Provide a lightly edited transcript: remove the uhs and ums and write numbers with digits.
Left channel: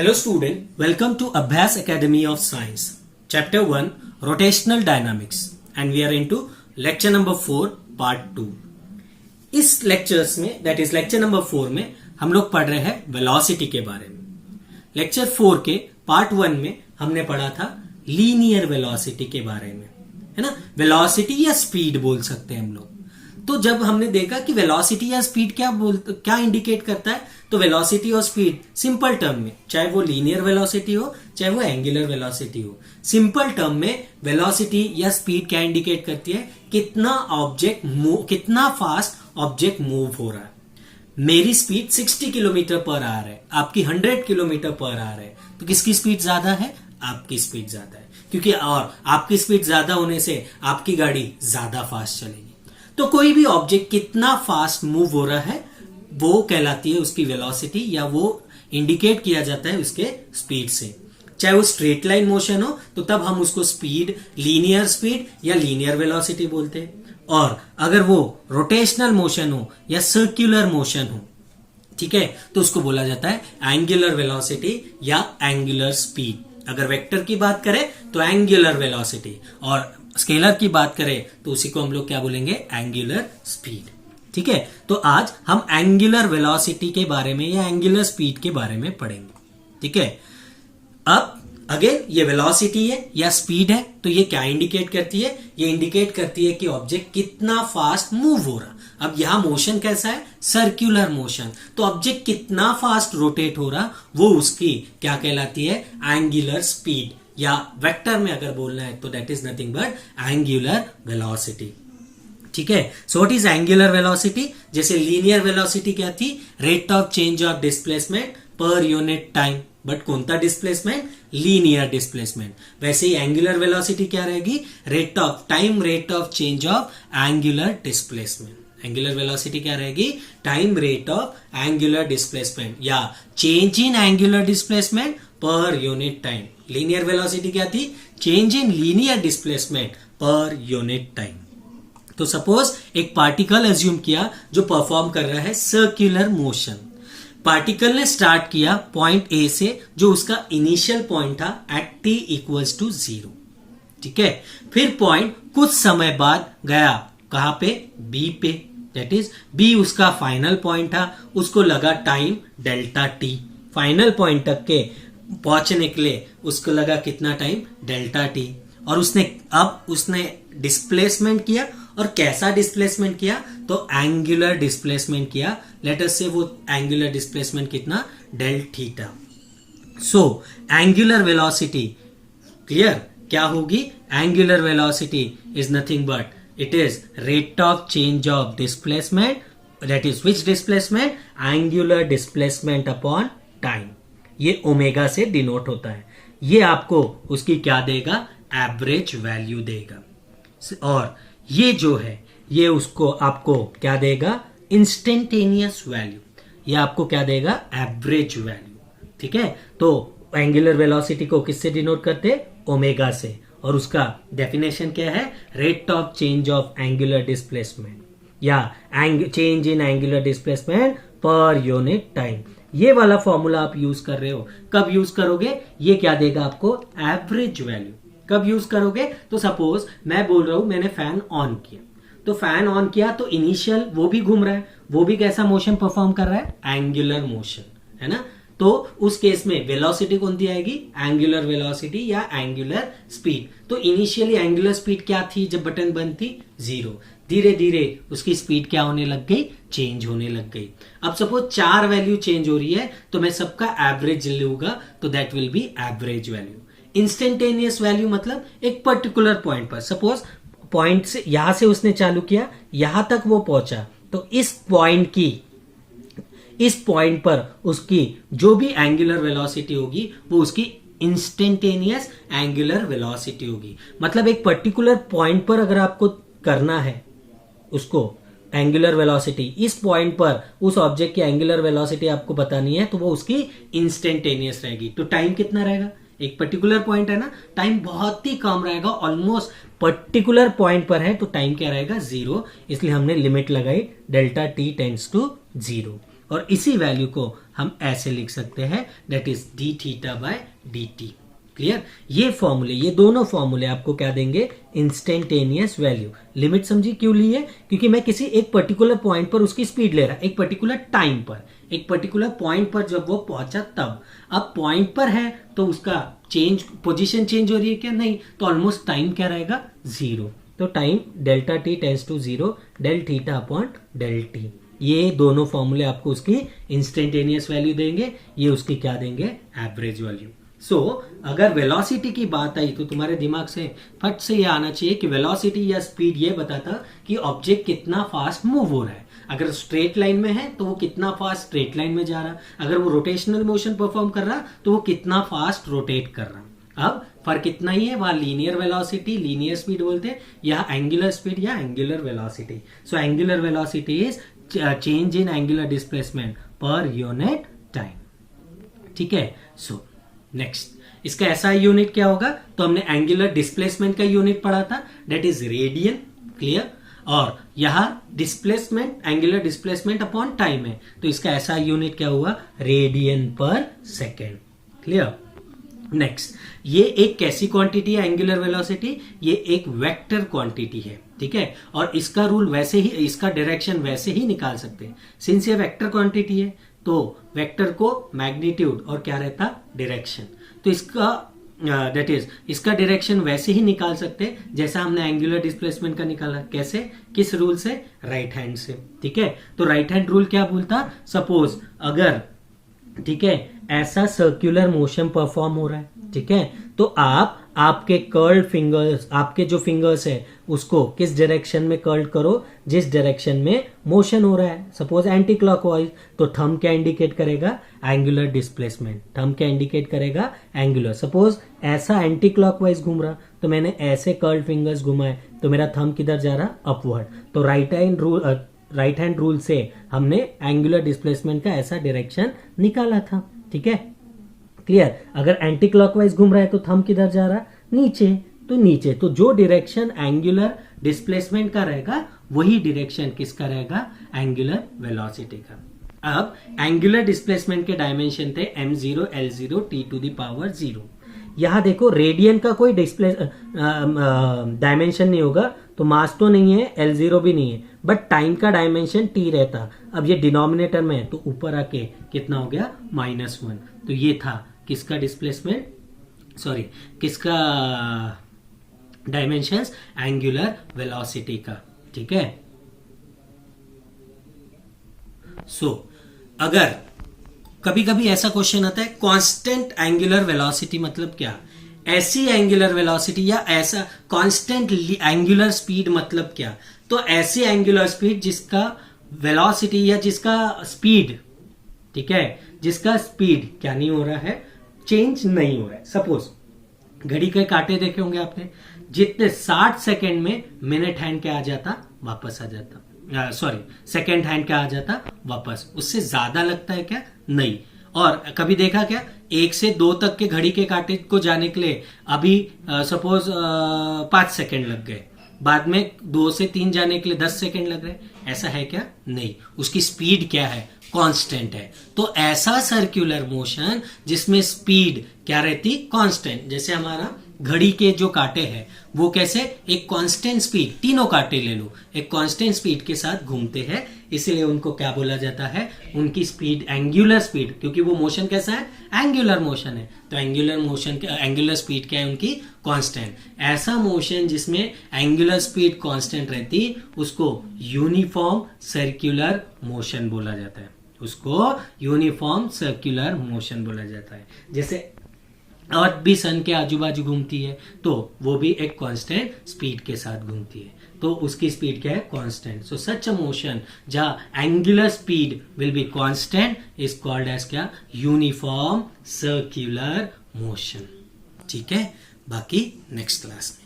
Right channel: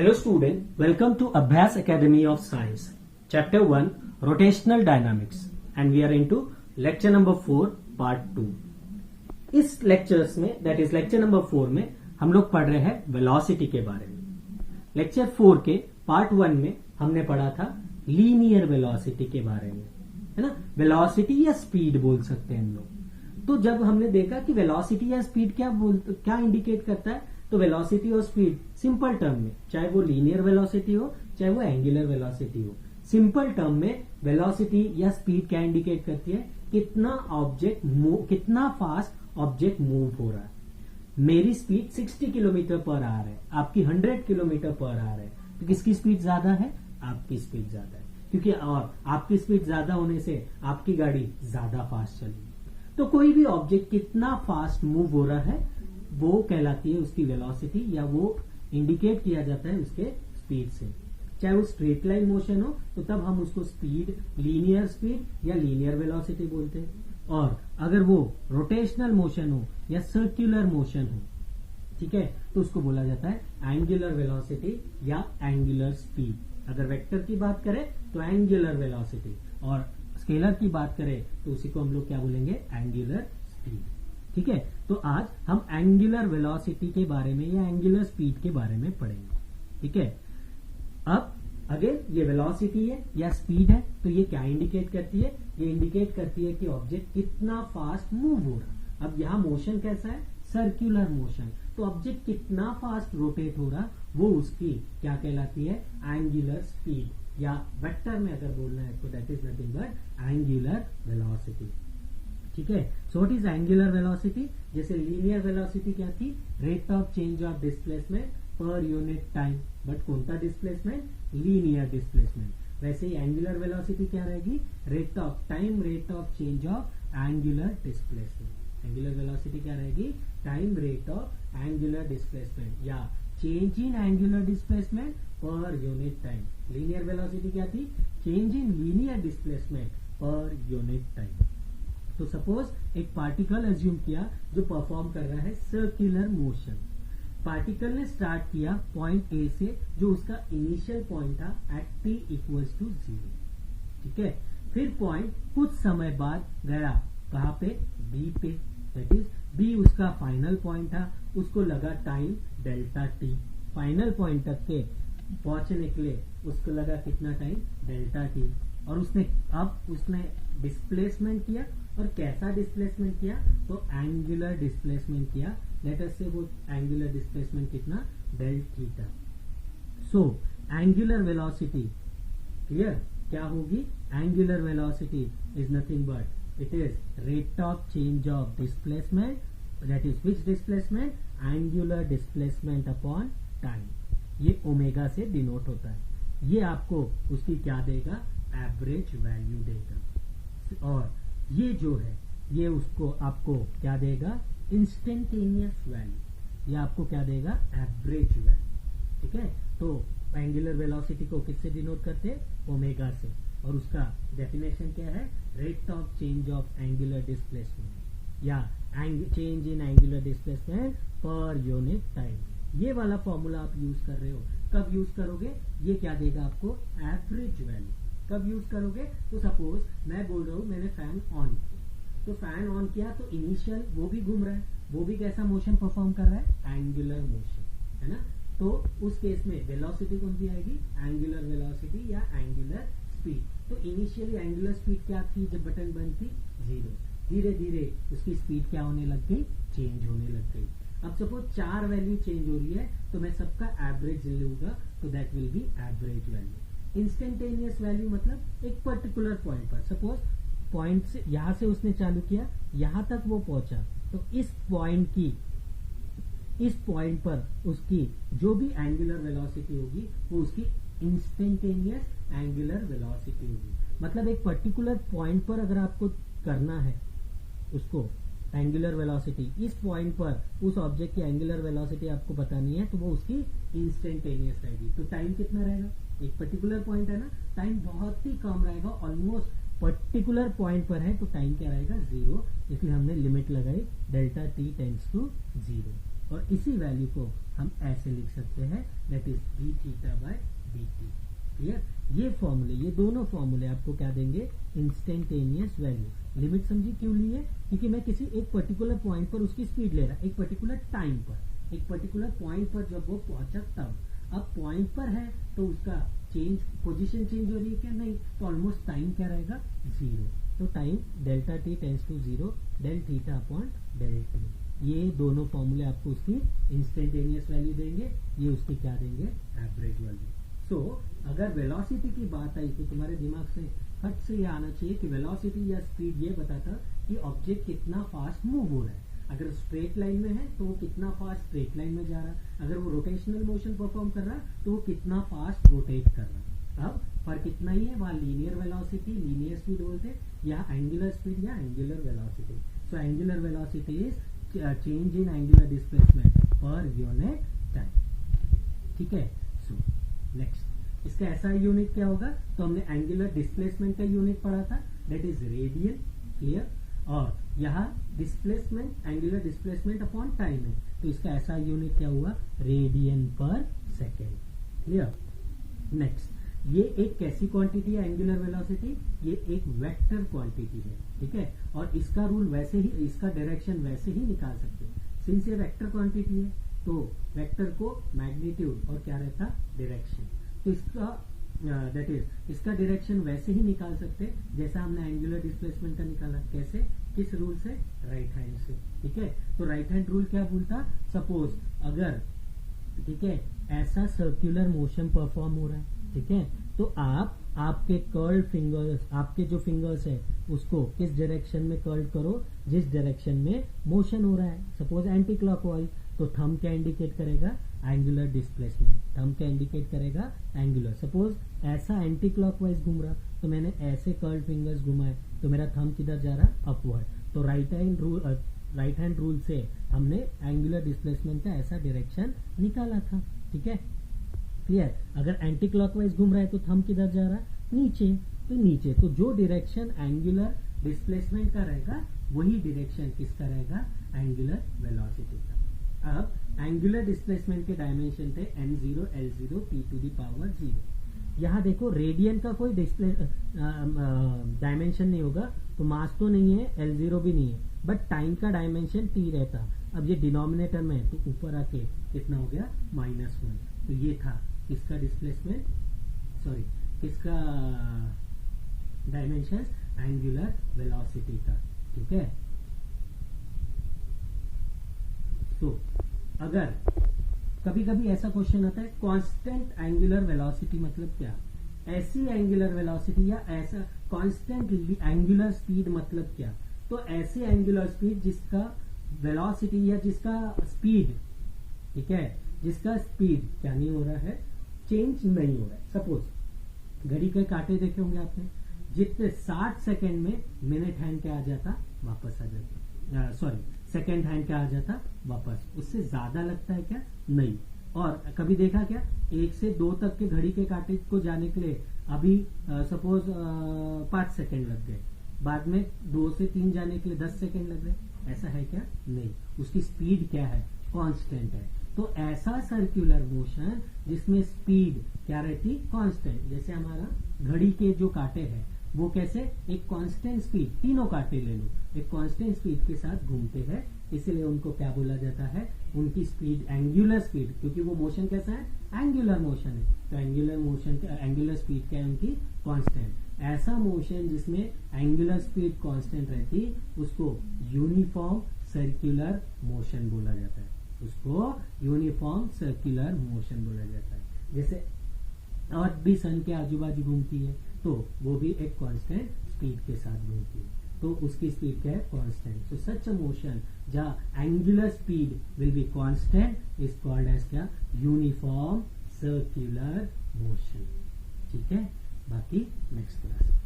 Hello student, welcome to Abhyas Academy of Science, Chapter 1, Rotational Dynamics, and we are into lecture number 4, part 2. इस lectures में, that is lecture number 4 में हम लोग पढ़ रहे हैं velocity के बारे में. Lecture 4 के part 1 में हमने पढ़ा था linear velocity के बारे में, है ना. velocity या speed बोल सकते हैं हम लोग. तो जब हमने देखा कि वेलोसिटी या स्पीड क्या इंडिकेट करता है, तो वेलोसिटी और स्पीड सिंपल टर्म में, चाहे वो लीनियर वेलोसिटी हो चाहे वो एंगुलर वेलोसिटी हो, सिंपल टर्म में वेलोसिटी या स्पीड क्या इंडिकेट करती है, कितना फास्ट ऑब्जेक्ट मूव हो रहा है. मेरी स्पीड 60 किलोमीटर पर आवर है, आपकी 100 किलोमीटर पर आवर है, तो किसकी स्पीड ज्यादा है? आपकी स्पीड ज्यादा है, क्योंकि और आपकी स्पीड ज्यादा होने से आपकी गाड़ी ज्यादा फास्ट चलेगी. तो कोई भी ऑब्जेक्ट कितना फास्ट मूव हो रहा है वो कहलाती है उसकी वेलोसिटी, या वो इंडिकेट किया जाता है उसके स्पीड से. चाहे वो स्ट्रेट लाइन मोशन हो तो तब हम उसको स्पीड, लीनियर स्पीड या लीनियर वेलोसिटी बोलते हैं. और अगर वो रोटेशनल मोशन हो या सर्कुलर मोशन हो, ठीक है, तो उसको बोला जाता है एंगुलर वेलोसिटी या एंगुलर स्पीड. अगर वेक्टर की बात करें तो एंगुलर वेलोसिटी, और स्केलर की बात करें तो उसी को हम लोग क्या बोलेंगे? Angular speed. ठीक है, तो आज हम एंगुलर वेलोसिटी के बारे में या एंगुलर स्पीड के बारे में पढ़ेंगे. ठीक है, अब अगेन ये वेलोसिटी है या स्पीड है, तो ये क्या इंडिकेट करती है? ये इंडिकेट करती है कि ऑब्जेक्ट कितना फास्ट मूव हो रहा. अब यहां मोशन कैसा है? Circular motion. तो ऑब्जेक्ट कितना फास्ट रोटेट हो रहा, वो उसकी क्या कहलाती है? एंगुलर स्पीड, या वेक्टर में अगर बोलना है तो that is nothing but angular velocity. ठीक है, so what is angular velocity? जैसे लीनियर वेलोसिटी क्या थी? Rate of change of displacement per unit time. But कौन सा डिस्प्लेसमेंट? Linear displacement. वैसे ही एंगुलर वेलोसिटी क्या रहेगी? Rate of time, rate of change of angular displacement. Angular velocity क्या रहेगी? Time rate of angular displacement या change in angular displacement per unit time. Linear velocity क्या थी? Change in linear displacement per unit time. तो suppose एक particle assume किया जो perform कर रहा है सर्कुलर मोशन. पार्टिकल ने स्टार्ट किया पॉइंट ए से, जो उसका इनिशियल पॉइंट था एट t इक्वल्स टू 0. ठीक है, फिर पॉइंट कुछ समय बाद गया कहां पे? बी पे. दैट इज बी उसका फाइनल पॉइंट था. उसको लगा time delta T. Final point तक के पहुंचने के लिए उसको लगा कितना टाइम? Delta T. और उसने डिस्प्लेसमेंट किया. और कैसा डिस्प्लेसमेंट किया? तो एंगुलर डिस्प्लेसमेंट किया. लेट अस से वो एंगुलर डिस्प्लेसमेंट कितना? Del theta. So angular velocity clear क्या होगी? Angular velocity is nothing but it is rate of change of displacement, that is which displacement? Angular displacement upon time. ये omega से denote होता है. ये आपको उसकी क्या देगा? एवरेज वैल्यू देगा. और ये जो है ये उसको आपको क्या देगा? Instantaneous value. ये आपको क्या देगा? Average value. ठीक है, तो एंगुलर वेलोसिटी को किससे डिनोट करते? ओमेगा से. और उसका डेफिनेशन क्या है? Rate of change of angular displacement या change in angular displacement per unit time. ये वाला फॉर्मूला आप यूज कर रहे हो. कब यूज करोगे? ये क्या देगा आपको? Average value. कब यूज करोगे? तो सपोज मैं बोल रहा हूं मैंने फैन ऑन किया, तो फैन ऑन किया तो इनिशियल वो भी घूम रहा है, वो भी कैसा मोशन परफॉर्म कर रहा है? एंगुलर मोशन, है ना. तो उस केस में वेलोसिटी कौन सी आएगी? एंगुलर वेलोसिटी या एंगुलर स्पीड. तो इनिशियली एंगुलर स्पीड क्या थी जब बटन बंद थी? 0. धीरे धीरे उसकी स्पीड क्या होने लग गई? चेंज होने लग गई. अब सपोज 4 वैल्यू चेंज हो रही है तो मैं सबका एवरेज लूंगा, तो that will be average value. Instantaneous value मतलब एक पर्टिकुलर पॉइंट पर, सपोज पॉइंट से यहां से उसने चालू किया, यहां तक वो पहुंचा, तो इस पॉइंट पर उसकी जो भी एंगुलर वेलोसिटी होगी वो उसकी इंस्टेंटेनियस एंगुलर वेलोसिटी होगी. मतलब एक पर्टिकुलर पॉइंट पर अगर आपको करना है उसको एंगुलर वेलोसिटी, इस पॉइंट पर उस ऑब्जेक्ट की एंगुलर वेलोसिटी आपको बतानी है, तो वो उसकी इंस्टेंटेनियस रहेगी. तो टाइम कितना रहेगा? एक पर्टिकुलर पॉइंट है ना, टाइम बहुत ही कम रहेगा. ऑलमोस्ट पर्टिकुलर पॉइंट पर है तो टाइम क्या रहेगा? 0. इसलिए हमने लिमिट लगाई डेल्टा टी टेंड्स टू 0. और इसी वैल्यू को हम ऐसे लिख सकते हैं, that is D theta by D T. Clear? ये फॉर्मूले, ये दोनों फॉर्मूले आपको क्या देंगे? Instantaneous value. लिमिट समझी क्यों ली है? क्योंकि मैं किसी एक पर्टिकुलर पॉइंट पर उसकी स्पीड ले रहा, एक पर्टिकुलर टाइम पर, एक पर्टिकुलर पॉइंट पर जब वो पहुंचा तब। अब पॉइंट पर है तो उसका चेंज, पोजीशन चेंज हो रही है क्या? नहीं। तो ऑलमोस्ट टाइम क्या रहेगा? 0। तो time delta t tends to 0, del theta upon del t. ये दोनों फॉर्मूले आपको उसकी इंस्टेंटेनियस वैल्यू देंगे, ये उसकी क्या देंगे? Average value. सो अगर वेलोसिटी की बात आई तो तुम्हारे दिमाग से फट से ये आना चाहिए कि वेलोसिटी या स्पीड ये बताता कि ऑब्जेक्ट कितना फास्ट मूव हो रहा है। अगर स्ट्रेट लाइन में है तो वो कितना फास्ट स्ट्रेट लाइन में जा रहा, अगर वो रोटेशनल मोशन परफॉर्म कर रहा तो वो कितना फास्ट रोटेट कर रहा। अब फर्क इतना ही है, वहां लीनियर वेलोसिटी, लीनियर स्पीड बोलते हैं, यहाँ एंगुलर स्पीड या angular velocity. So angular velocity is change in angular displacement per unit time. ठीक है? सो नेक्स्ट, इसका ऐसा यूनिट क्या होगा? तो हमने एंगुलर डिस्प्लेसमेंट का यूनिट पढ़ा था, दैट इज रेडियन। क्लियर? और यहां displacement, angular displacement upon time है, तो इसका ऐसा यूनिट क्या हुआ? रेडियन पर सेकेंड। क्लियर? नेक्स्ट, ये एक कैसी क्वांटिटी है एंगुलर वेलोसिटी? ये एक वेक्टर क्वांटिटी है। ठीक है? और इसका रूल वैसे ही, इसका डायरेक्शन वैसे ही निकाल सकते हैं। सिंस ये वेक्टर क्वांटिटी है तो वेक्टर को मैग्नीट्यूड और क्या रहता? डायरेक्शन। तो इसका दैट इज इसका डायरेक्शन वैसे ही निकाल सकते हैं जैसा हमने एंगुलर डिस्प्लेसमेंट का निकाला। कैसे? किस रूल से? राइट हैंड से। ठीक है? तो राइट हैंड रूल क्या बोलता? सपोज अगर, ठीक है, ऐसा सर्कुलर मोशन परफॉर्म हो रहा है, ठीक है, तो आप आपके कर्ल्ड फिंगर्स, आपके जो फिंगर्स है उसको किस डायरेक्शन में कर्ल्ड करो? जिस डायरेक्शन में मोशन हो रहा है। सपोज एंटी क्लॉकवाइज, तो थंब क्या इंडिकेट करेगा? Angular displacement. थंब क्या इंडिकेट करेगा? एंगुलर। सपोज ऐसा एंटी क्लॉकवाइज घूम रहा तो मैंने ऐसे कर्ल्ड फिंगर्स घुमाए तो मेरा थंब किधर जा रहा? अपवर्ड। तो राइट हैंड रूल से हमने एंगुलर डिस्प्लेसमेंट का ऐसा डायरेक्शन निकाला था। ठीक है? क्लियर? अगर एंटी क्लॉकवाइज घूम रहा है तो थंब किधर जा रहा? नीचे। तो नीचे। तो जो डायरेक्शन एंगुलर डिस्प्लेसमेंट का रहेगा वही डायरेक्शन किसका रहेगा? एंगुलर वेलोसिटी का। अब एंगुलर डिस्प्लेसमेंट के डायमेंशन थे m0, l0, t to the power 0। यहां देखो रेडियन का कोई डायमेंशन नहीं होगा, तो मास तो नहीं है, l0 भी नहीं है, बट टाइम का डायमेंशन t रहता। अब ये डिनोमिनेटर में है तो ऊपर आके कितना हो गया? -1। तो ये था किसका डिस्प्लेसमेंट, सॉरी किसका डायमेंशंस? एंगुलर वेलोसिटी का। ठीक है? सो अगर कभी कभी ऐसा क्वेश्चन आता है, कांस्टेंट एंगुलर वेलोसिटी मतलब क्या? ऐसी एंगुलर वेलोसिटी या ऐसा कांस्टेंट एंगुलर स्पीड मतलब क्या? तो ऐसी एंगुलर स्पीड जिसका वेलोसिटी या जिसका स्पीड, ठीक है, जिसका स्पीड क्या नहीं हो रहा है? चेंज नहीं हो रहा है। सपोज घड़ी के कांटे देखे होंगे आपने, जितने 60 सेकेंड में मिनट हैंड क्या आ जाता? वापस आ जाता। सॉरी, सेकेंड हैंड क्या आ जाता? वापस। उससे ज्यादा लगता है क्या? नहीं। और कभी देखा क्या 1 से 2 तक के घड़ी के कांटे को जाने के लिए अभी सपोज 5 सेकेंड लग गए, बाद में 2 से 3 जाने के लिए 10 सेकेंड लग रहे, ऐसा है क्या? नहीं। उसकी स्पीड क्या है? कांस्टेंट है। तो ऐसा सर्कुलर मोशन जिसमें स्पीड क्या रहती? कांस्टेंट। जैसे हमारा घड़ी के जो कांटे हैं वो कैसे? एक कांस्टेंट स्पीड, तीनों कांटे ले लो, एक कांस्टेंट स्पीड के साथ घूमते हैं, इसलिए उनको क्या बोला जाता है? उनकी स्पीड एंगुलर स्पीड, क्योंकि वो मोशन कैसा है? एंगुलर मोशन है। तो एंगुलर मोशन, एंगुलर स्पीड क्या है उनकी? कांस्टेंट। ऐसा मोशन जिसमें एंगुलर स्पीड कांस्टेंट रहती उसको यूनिफॉर्म सर्कुलर मोशन बोला जाता है। उसको यूनिफॉर्म सर्कुलर मोशन बोला जाता है। जैसे अर्थ भी सन के आजू बाजू घूमती है तो वो भी एक कांस्टेंट स्पीड के साथ घूमती है, तो उसकी स्पीड क्या है? Constant. So such a motion जहां angular speed will be constant is called as क्या? Uniform circular motion. ठीक है? बाकी नेक्स्ट क्लास